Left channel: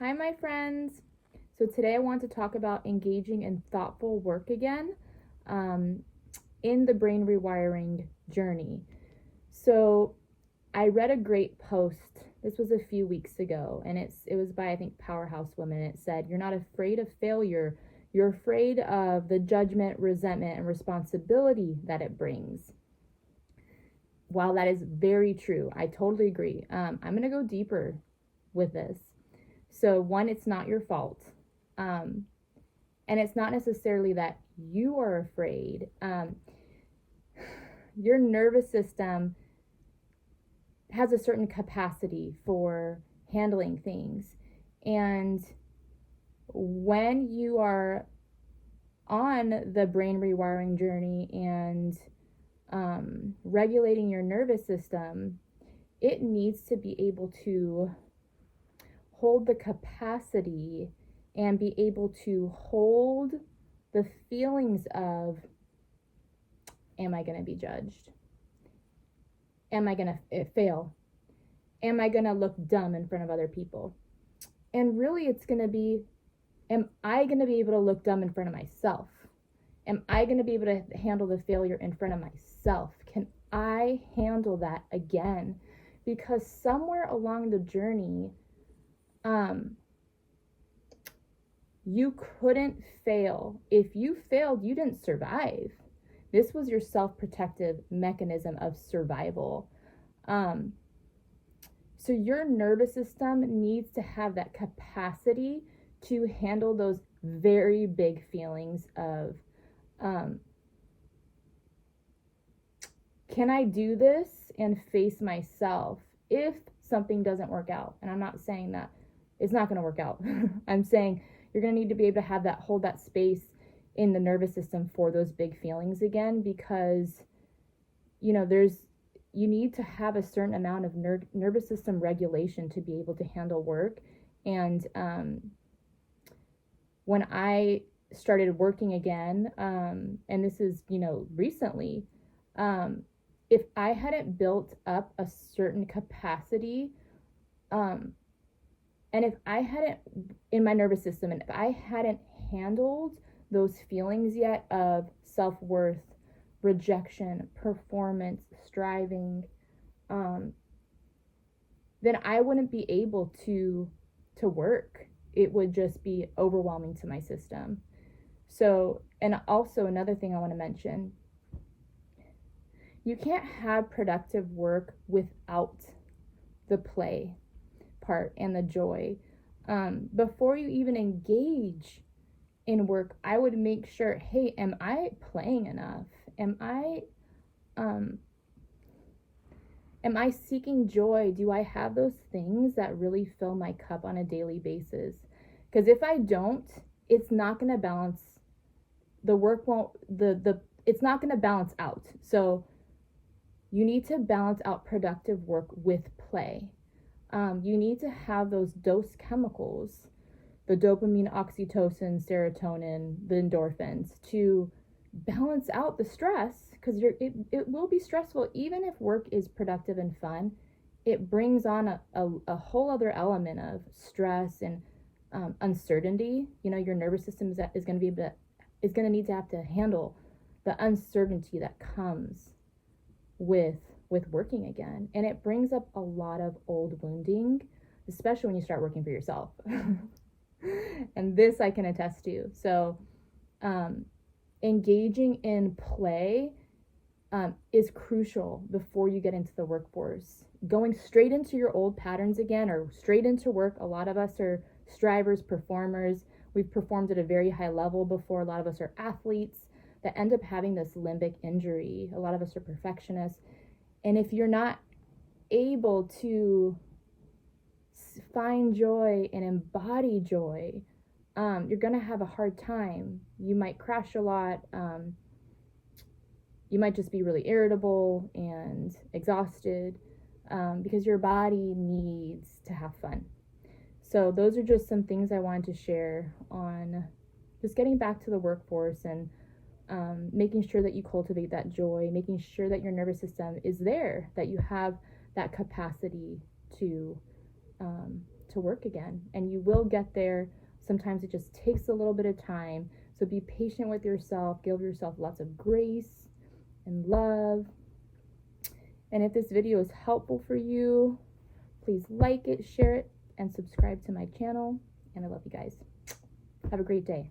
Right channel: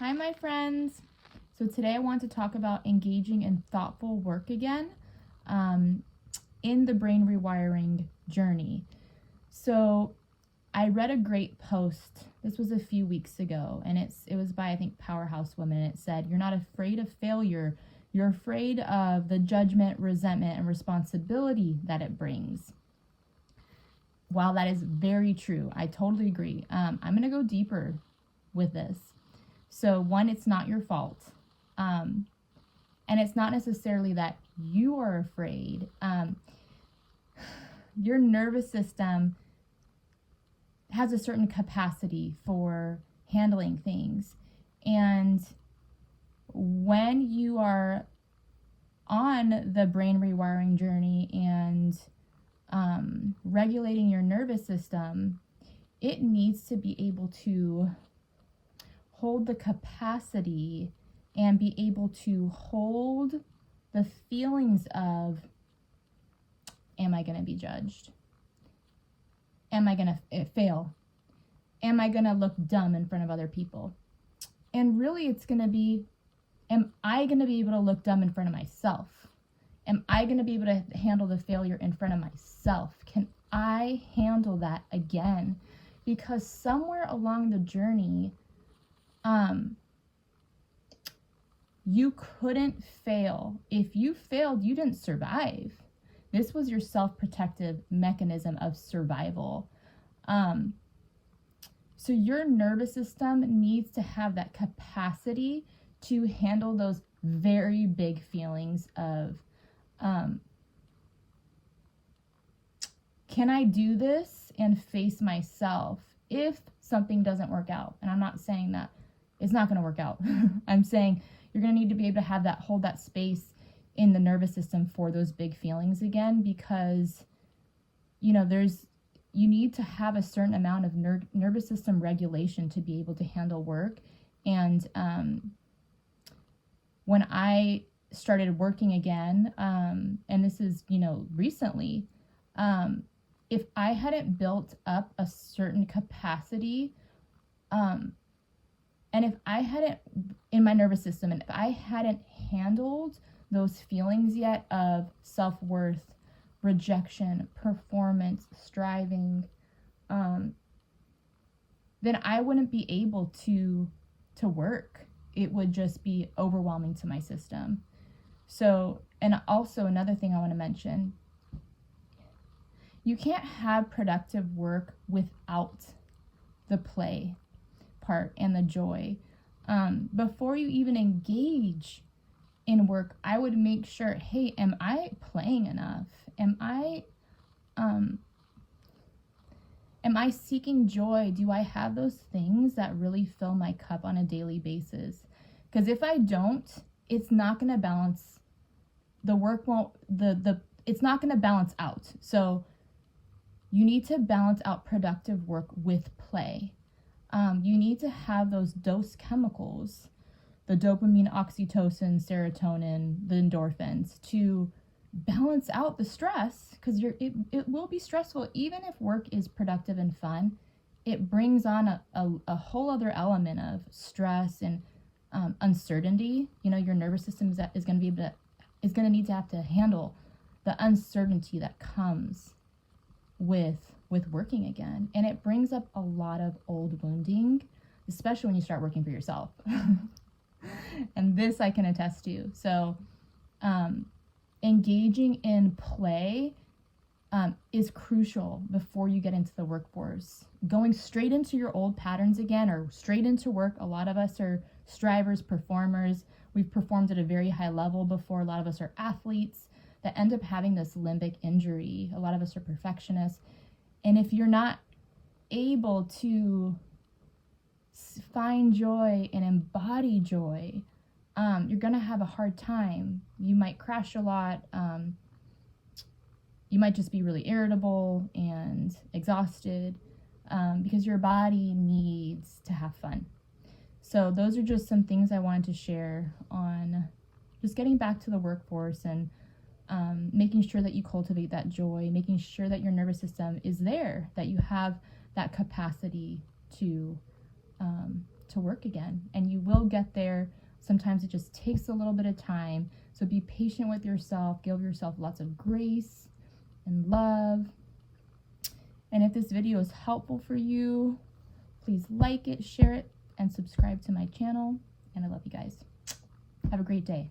Hi, my friends. So today I want to talk about engaging in thoughtful work again in the brain rewiring journey. So I read a great post. This was a few weeks ago, and it was by, I think, Powerhouse Women. And it said, "You're not afraid of failure. You're afraid of the judgment, resentment, and responsibility that it brings." While that is very true, I totally agree. I'm going to go deeper with this. So one, it's not your fault. And it's not necessarily that you are afraid. Your nervous system has a certain capacity for handling things. And when you are on the brain rewiring journey and regulating your nervous system, it needs to be able to hold the capacity and be able to hold the feelings of, am I going to be judged? Am I going to fail? Am I going to look dumb in front of other people? And really it's going to be, am I going to be able to look dumb in front of myself? Am I going to be able to handle the failure in front of myself? Can I handle that again? Because somewhere along the journey, you couldn't fail. If you failed, you didn't survive. This was your self-protective mechanism of survival. So your nervous system needs to have that capacity to handle those very big feelings of, can I do this and face myself if something doesn't work out? And I'm not saying that it's not going to work out. I'm saying you're going to need to be able to have that, hold that space in the nervous system for those big feelings again, because, you need to have a certain amount of nervous system regulation to be able to handle work. And when I started working again, and this is, recently, if I hadn't built up a certain capacity, and if I hadn't, in my nervous system, and if I hadn't handled those feelings yet of self-worth, rejection, performance, striving, then I wouldn't be able to work. It would just be overwhelming to my system. So, and also another thing I want to mention, you can't have productive work without the play part and the joy. Before you even engage in work, I would make sure, hey, am I playing enough? Am I seeking joy? Do I have those things that really fill my cup on a daily basis? Because if I don't, it's not going to balance. The work won't, it's not going to balance out. So you need to balance out productive work with play. You need to have those dose chemicals, the dopamine, oxytocin, serotonin, the endorphins, to balance out the stress, because it will be stressful. Even if work is productive and fun, it brings on a whole other element of stress and uncertainty. Your nervous system is going to need to have to handle the uncertainty that comes with working again, and it brings up a lot of old wounding, especially when you start working for yourself. And this I can attest to. So engaging in play is crucial before you get into the workforce. Going straight into your old patterns again, or straight into work. A lot of us are strivers, performers. We've performed at a very high level before. A lot of us are athletes that end up having this limbic injury. A lot of us are perfectionists. And if you're not able to find joy and embody joy, you're going to have a hard time. You might crash a lot. You might just be really irritable and exhausted because your body needs to have fun. So those are just some things I wanted to share on just getting back to the workforce and making sure that you cultivate that joy, making sure that your nervous system is there, that you have that capacity to to work again, and you will get there. Sometimes it just takes a little bit of time. So be patient with yourself, give yourself lots of grace and love. And if this video is helpful for you, please like it, share it, and subscribe to my channel. And I love you guys. Have a great day.